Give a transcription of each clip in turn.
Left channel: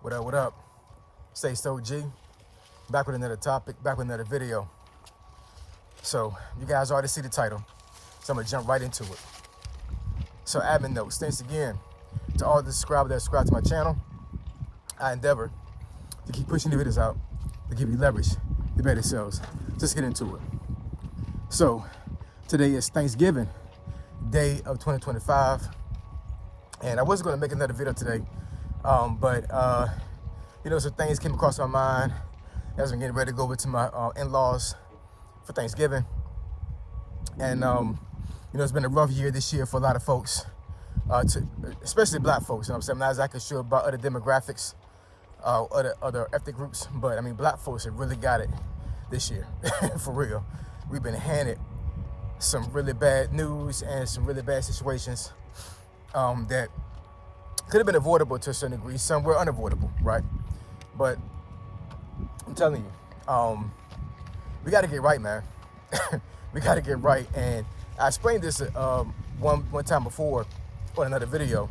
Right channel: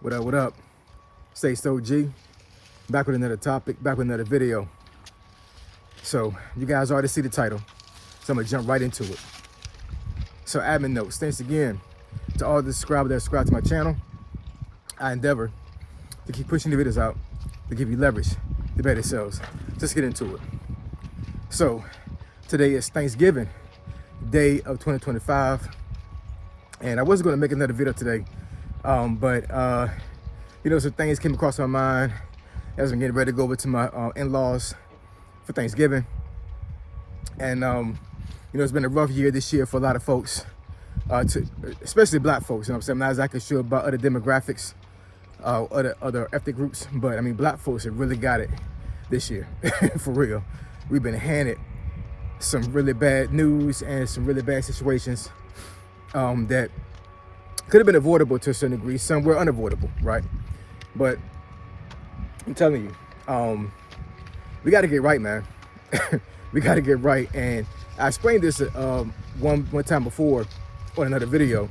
What up, what up? Stay so G. Back with another topic, back with another video. So you guys already see the title, so I'm gonna jump right into it. So admin notes, thanks again to all the subscribers that subscribe to my channel. I endeavor to keep pushing the videos out to give you leverage to better sales. Just get into it. So today is Thanksgiving day of 2025. And I wasn't gonna make another video today, but some things came across my mind as I'm getting ready to go over to my in-laws for Thanksgiving. And it's been a rough year this year for a lot of folks, especially black folks. You know what I'm saying? I'm not exactly sure about other demographics, other ethnic groups, but I mean, black folks have really got it this year, for real. We've been handed some really bad news and some really bad situations that could have been avoidable to a certain degree. Some were unavoidable, right? But I'm telling you, we got to get right, man. We got to get right. And I explained this one time before on another video.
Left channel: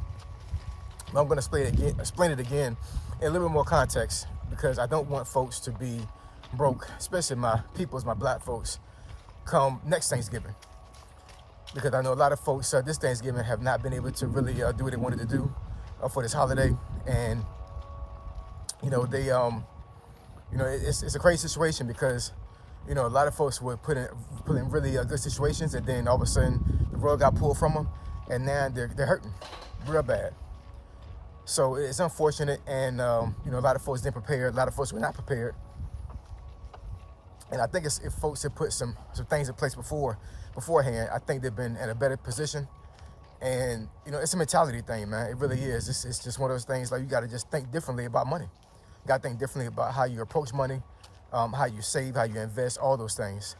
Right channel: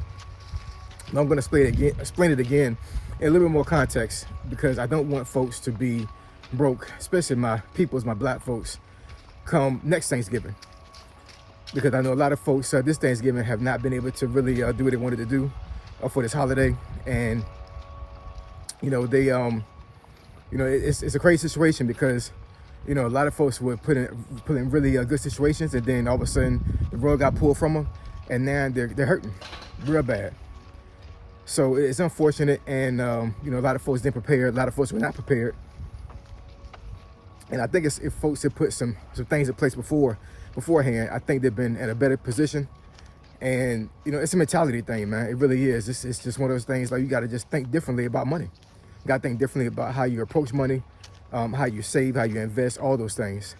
But I'm going to explain it again in a little bit more context, because I don't want folks to be broke, especially my black folks, come next Thanksgiving. Because I know a lot of folks this Thanksgiving have not been able to really do what they wanted to do for this holiday. And they it's a crazy situation, because a lot of folks were put in really good situations, and then all of a sudden the rug got pulled from them, and now they're hurting real bad. So it's unfortunate, and a lot of folks didn't prepare. A lot of folks were not prepared, and I think if folks had put some things in place beforehand, I think they've been in a better position. And it's a mentality thing, man. It really is. It's just one of those things, like, you got to just think differently about money. You got to think differently about how you approach money, how you save, how you invest, all those things.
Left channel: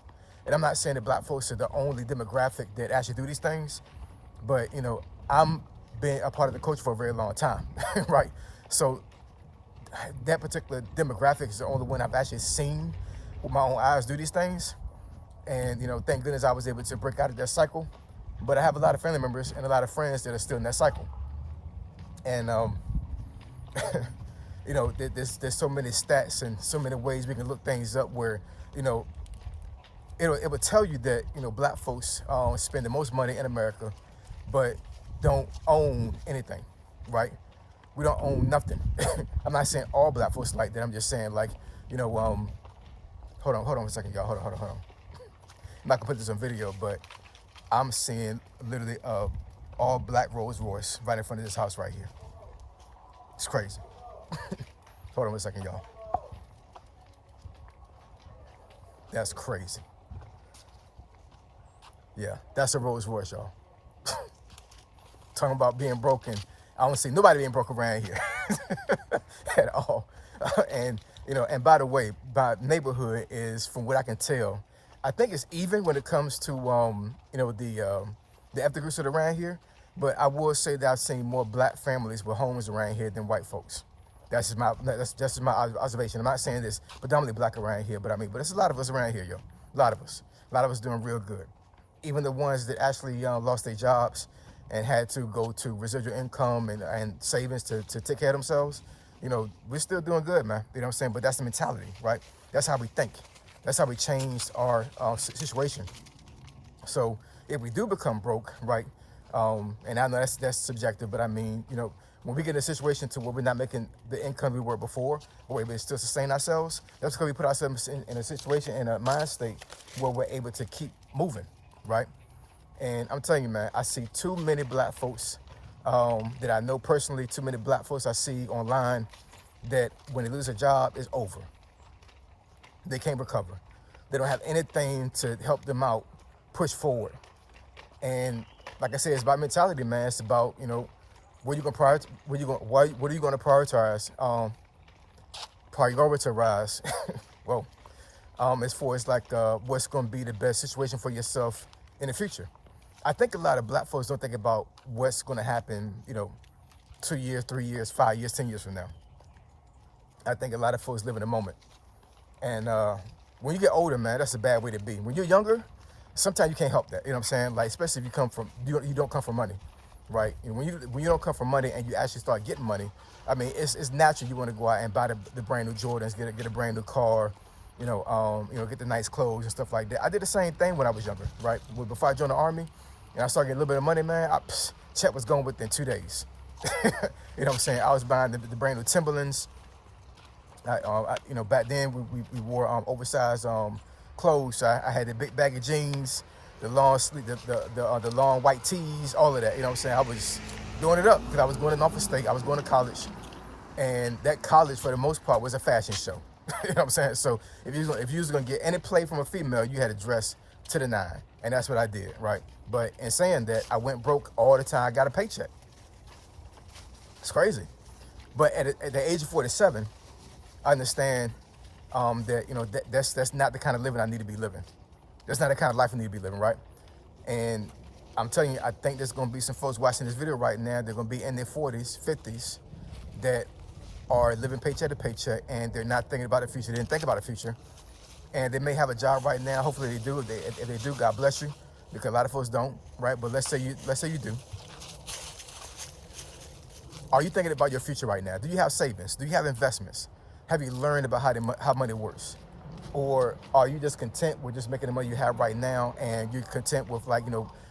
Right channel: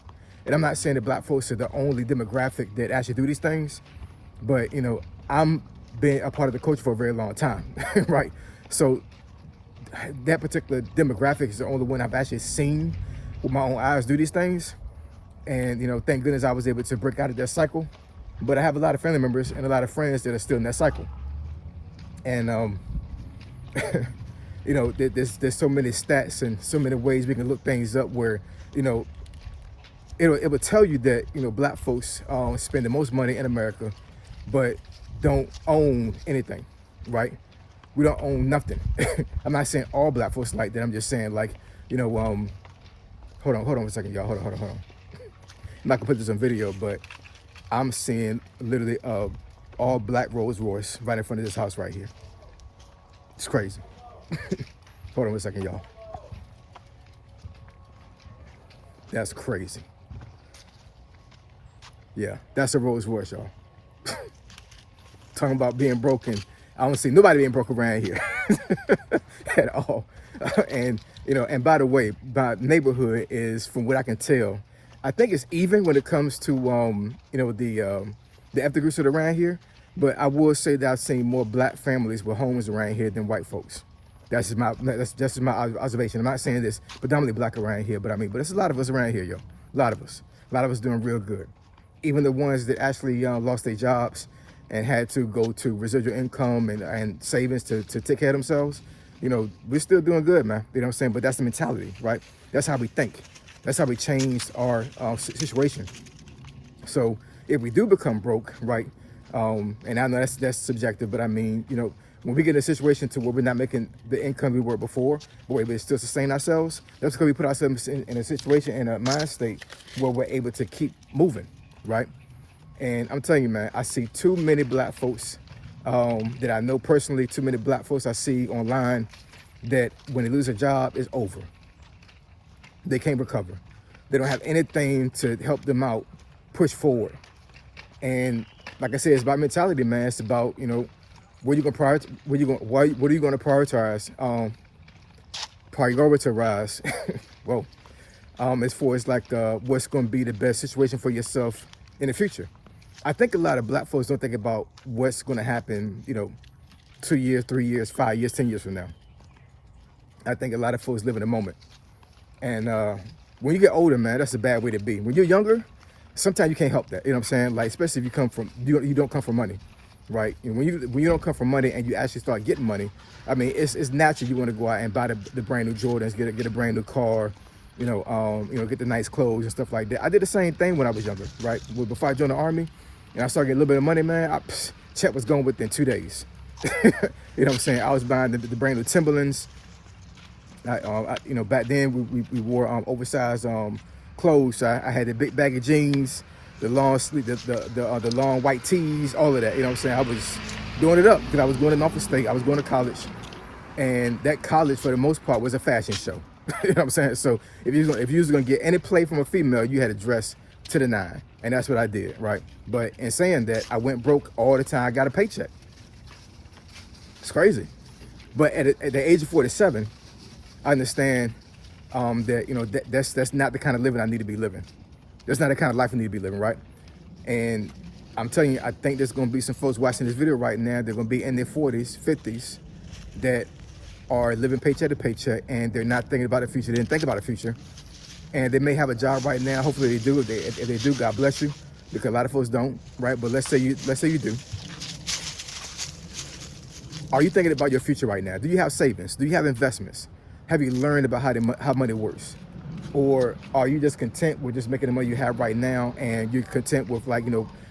And I'm not saying that black folks are the only demographic that actually do these things, but I'm been a part of the culture for a very long time, right? So that particular demographic is the only one I've actually seen with my own eyes do these things. And thank goodness I was able to break out of that cycle. But I have a lot of family members and a lot of friends that are still in that cycle. And there's so many stats and so many ways we can look things up where it would tell you that black folks spend the most money in America, but don't own anything, right? We don't own nothing. I'm not saying all black folks like that. I'm just saying, like, hold on a second, y'all. Hold on. I'm not gonna put this on video, but I'm seeing literally all black Rolls Royce right in front of this house right here. It's crazy. Hold on a second, y'all. That's crazy. Yeah, that's a Rolls Royce, y'all. Talking about being broken. I don't see nobody being broke around here at all. And by the way, my neighborhood is, from what I can tell, I think it's even when it comes to the ethnic groups that are around here. But I will say that I've seen more black families with homes around here than white folks. That's just my observation. I'm not saying this predominantly black around here, but it's a lot of us around here, yo. A lot of us doing real good. Even the ones that actually lost their jobs and had to go to residual income and savings to take care of themselves, we're still doing good, man. You know what I'm saying? But that's the mentality, right? That's how we think. That's how we changed our situation. So if we do become broke, right? And I know that's subjective, but when we get in a situation to where we're not making the income we were before, but we're able to still sustain ourselves, that's because we put ourselves in a situation, in a mind state where we're able to keep moving, right? And I'm telling you, man, I see too many black folks that I know personally, too many black folks I see online, that when they lose a job, it's over. They can't recover. They don't have anything to help them out, push forward. And like I said, it's about mentality, man. It's about, what are you going to prioritize? Prioritize. Well, as far as like what's going to be the best situation for yourself in the future. I think a lot of black folks don't think about what's going to happen, 2 years, 3 years, 5 years, 10 years from now. I think a lot of folks live in the moment. And when you get older, man, that's a bad way to be. When you're younger, sometimes you can't help that. You know what I'm saying? Like, especially if you don't come from money. right? And when you don't come from money and you actually start getting money, I mean, it's natural you want to go out and buy the brand new Jordans, get a brand new car, get the nice clothes and stuff like that. I did the same thing when I was younger, right? Before I joined the Army, and I started getting a little bit of money, man. Check was going within 2 days. You know what I'm saying? I was buying the brand new Timberlands. Back then we wore oversized clothes. So I had the big baggy jeans, the long sleeve, the long white tees, all of that. You know what I'm saying? I was doing it up because I was going to Norfolk State. I was going to college, and that college for the most part was a fashion show. You know what I'm saying? So if you was gonna get any play from a female, you had to dress to the nine, and that's what I did, right? But in saying that, I went broke all the time. I got a paycheck. It's crazy. But at the age of 47, I understand that that's not the kind of living I need to be living. That's not the kind of life I need to be living, right? And I'm telling you, I think there's gonna be some folks watching this video right now. They're gonna be in their 40s, 50s, that are living paycheck to paycheck, and they're not thinking about the future. They didn't think about the future, and they may have a job right now. Hopefully they do. If they do, God bless you, because a lot of folks don't, right? But let's say you do. Are you thinking about your future right now? Do you have savings? Do you have investments? Have you learned about how money works? Or are you just content with just making the money you have right now, and you're content with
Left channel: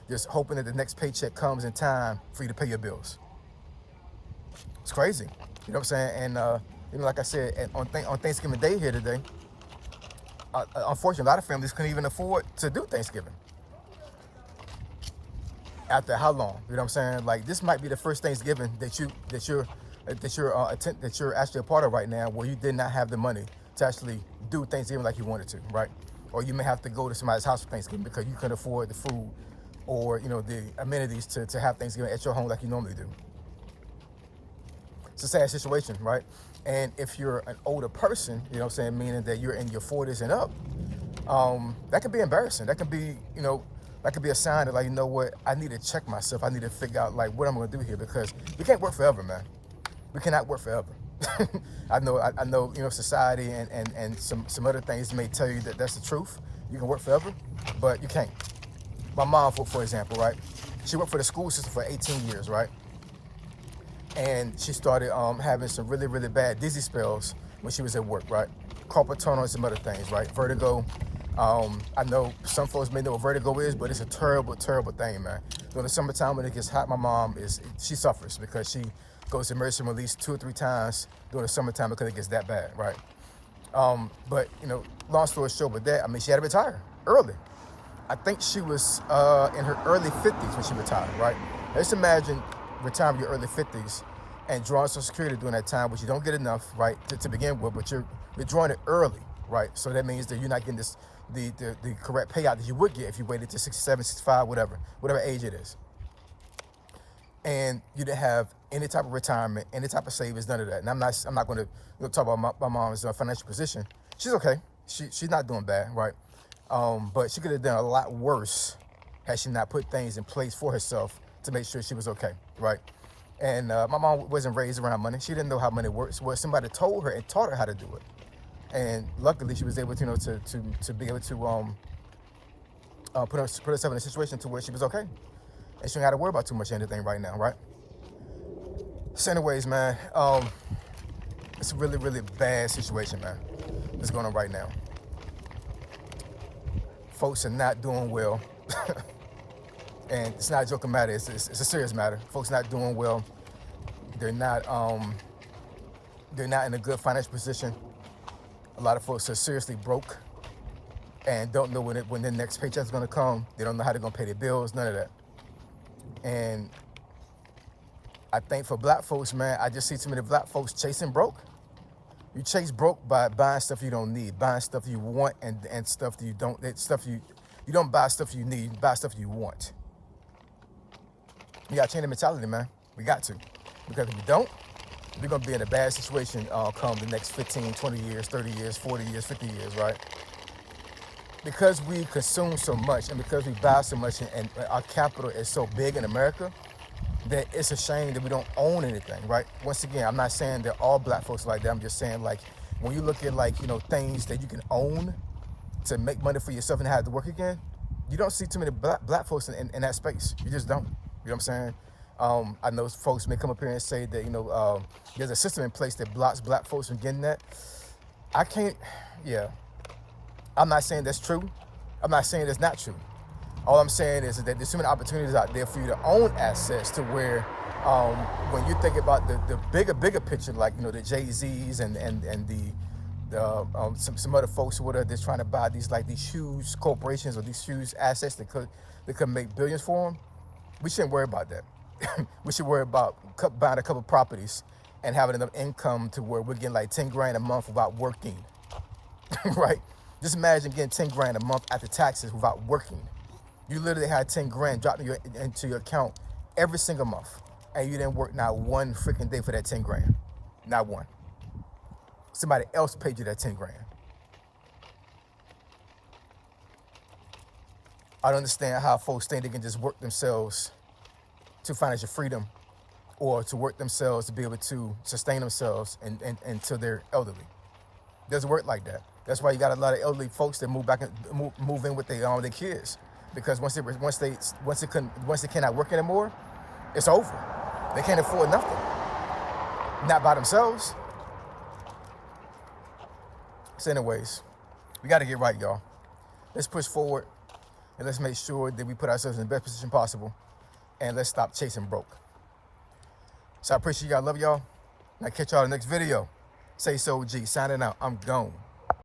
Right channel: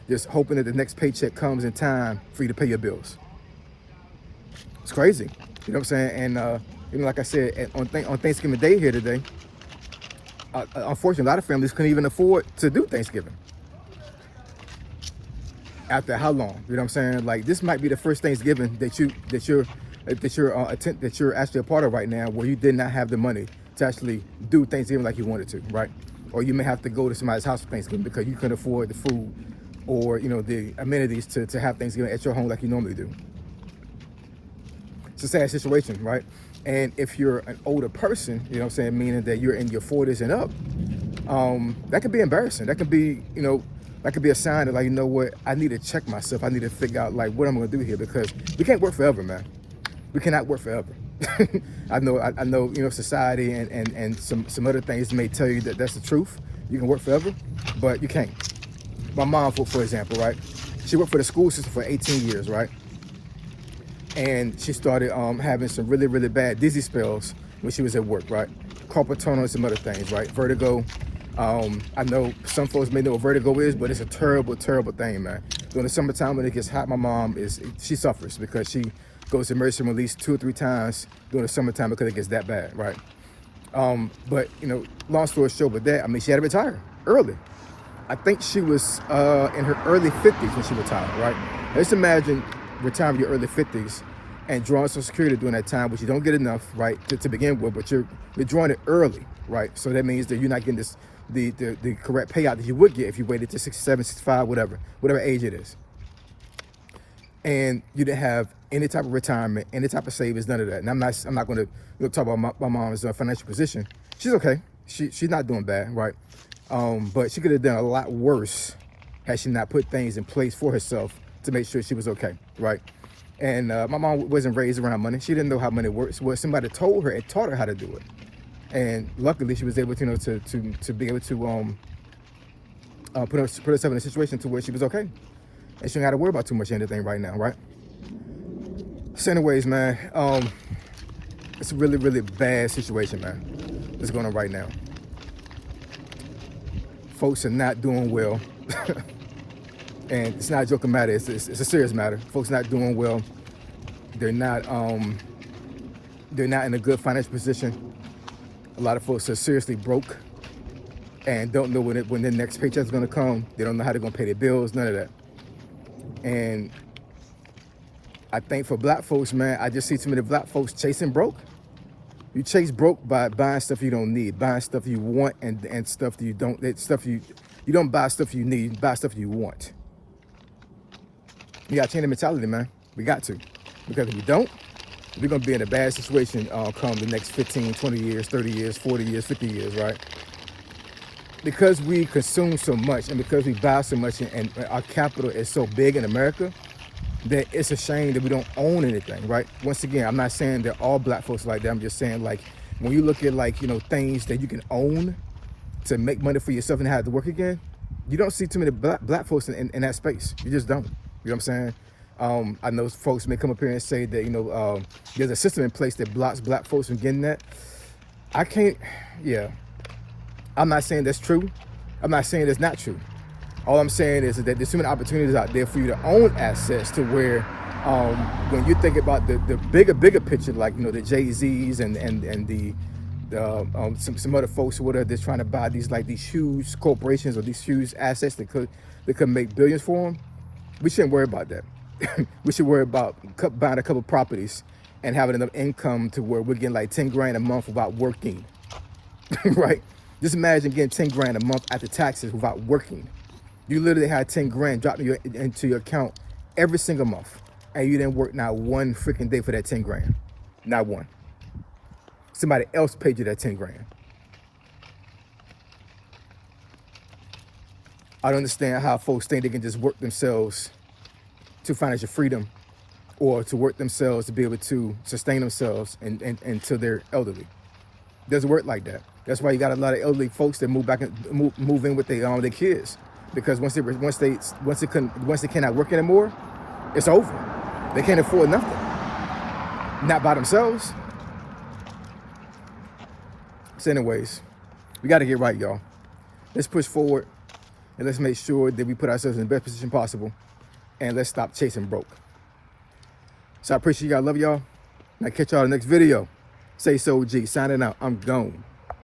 just hoping that the next paycheck comes in time for you to pay your bills? It's crazy. You know what I'm saying? And like I said, on Thanksgiving Day here today, unfortunately, a lot of families couldn't even afford to do Thanksgiving. After how long? You know what I'm saying? Like, this might be the first Thanksgiving that you're actually a part of right now, where you did not have the money to actually do Thanksgiving like you wanted to, right? Or you may have to go to somebody's house for Thanksgiving because you couldn't afford the food or the amenities to have Thanksgiving at your home like you normally do. It's a sad situation, right? And if you're an older person, you know what I'm saying, meaning that you're in your 40s and up, that could be embarrassing. That could be, that could be a sign that, like, you know what, I need to check myself. I need to figure out, like, what I'm gonna do here, because we can't work forever, man. We cannot work forever. I know, society and some other things may tell you that that's the truth. You can work forever, but you can't. My mom, for example, right? She worked for the school system for 18 years, right? And she started having some really, really bad dizzy spells when she was at work, right? Carpal tunnel and some other things, right? Vertigo. I know some folks may know what vertigo is, but it's a terrible, terrible thing, man. During the summertime when it gets hot, my mom she suffers because she goes to emergency room at least 2 or 3 times during the summertime because it gets that bad, right? But long story short with that, I mean, she had to retire early. I think she was in her early 50s when she retired, right? Let's imagine retiring in your early 50s and drawing Social Security during that time, which you don't get enough, right, to begin with, but you're drawing it early, right? So that means that you're not getting the correct payout that you would get if you waited to 67, 65, whatever age it is. And you didn't have any type of retirement, any type of savings, none of that. And I'm not going to talk about my mom's financial position. She's okay. She's not doing bad, right? But she could have done a lot worse had she not put things in place for herself to make sure she was okay, right? And my mom wasn't raised around money. She didn't know how money works. Well, somebody told her and taught her how to do it. And luckily, she was able to, to be able to put herself in a situation to where she was okay, and she don't got to worry about too much anything right now, right? So, anyways, man, it's a really, really bad situation, man, that's going on right now. Folks are not doing well, and it's not a joking matter. It's a serious matter. Folks not doing well. They're not in a good financial position. A lot of folks are seriously broke and don't know when their next paycheck is going to come. They don't know how they're going to pay their bills, none of that. And I think for black folks, man, I just see too many black folks chasing broke. You chase broke by buying stuff you don't need, buying stuff you want, and stuff that you don't. You don't buy stuff you need, you buy stuff you want. You got to change the mentality, man. We got to. Because if you don't, we're going to be in a bad situation come the next 15, 20 years, 30 years, 40 years, 50 years, right? Because we consume so much and because we buy so much and our capital is so big in America, that it's a shame that we don't own anything, right? Once again, I'm not saying that all black folks are like that. I'm just saying, like, when you look at, like, things that you can own to make money for yourself and have to work again, you don't see too many black folks in that space. You just don't. You know what I'm saying? I know folks may come up here and say that, there's a system in place that blocks black folks from getting that. I can't, yeah. I'm not saying that's true. I'm not saying that's not true. All I'm saying is that there's so many opportunities out there for you to own assets to where when you think about the bigger picture, like, the Jay-Z's and the some other folks who are just trying to buy these huge corporations or these huge assets that could make billions for them, we shouldn't worry about that. We should worry about buying a couple properties and having enough income to where we're getting like 10 grand a month without working, right? Just imagine getting 10 grand a month after taxes without working. You literally had 10 grand dropped into your account every single month, and you didn't work not one freaking day for that 10 grand, not one. Somebody else paid you that 10 grand. I don't understand how folks think they can just work themselves to financial freedom or to work themselves to be able to sustain themselves until they're elderly. It doesn't work like that. That's why you got a lot of elderly folks that move in with their kids, because once they cannot work anymore, it's over. They can't afford nothing. Not by themselves. So anyways, we got to get right, y'all. Let's push forward and let's make sure that we put ourselves in the best position possible, and let's stop chasing broke. So I appreciate y'all. Love y'all. I'll catch y'all in the next video. Say So G, signing out. I'm gone.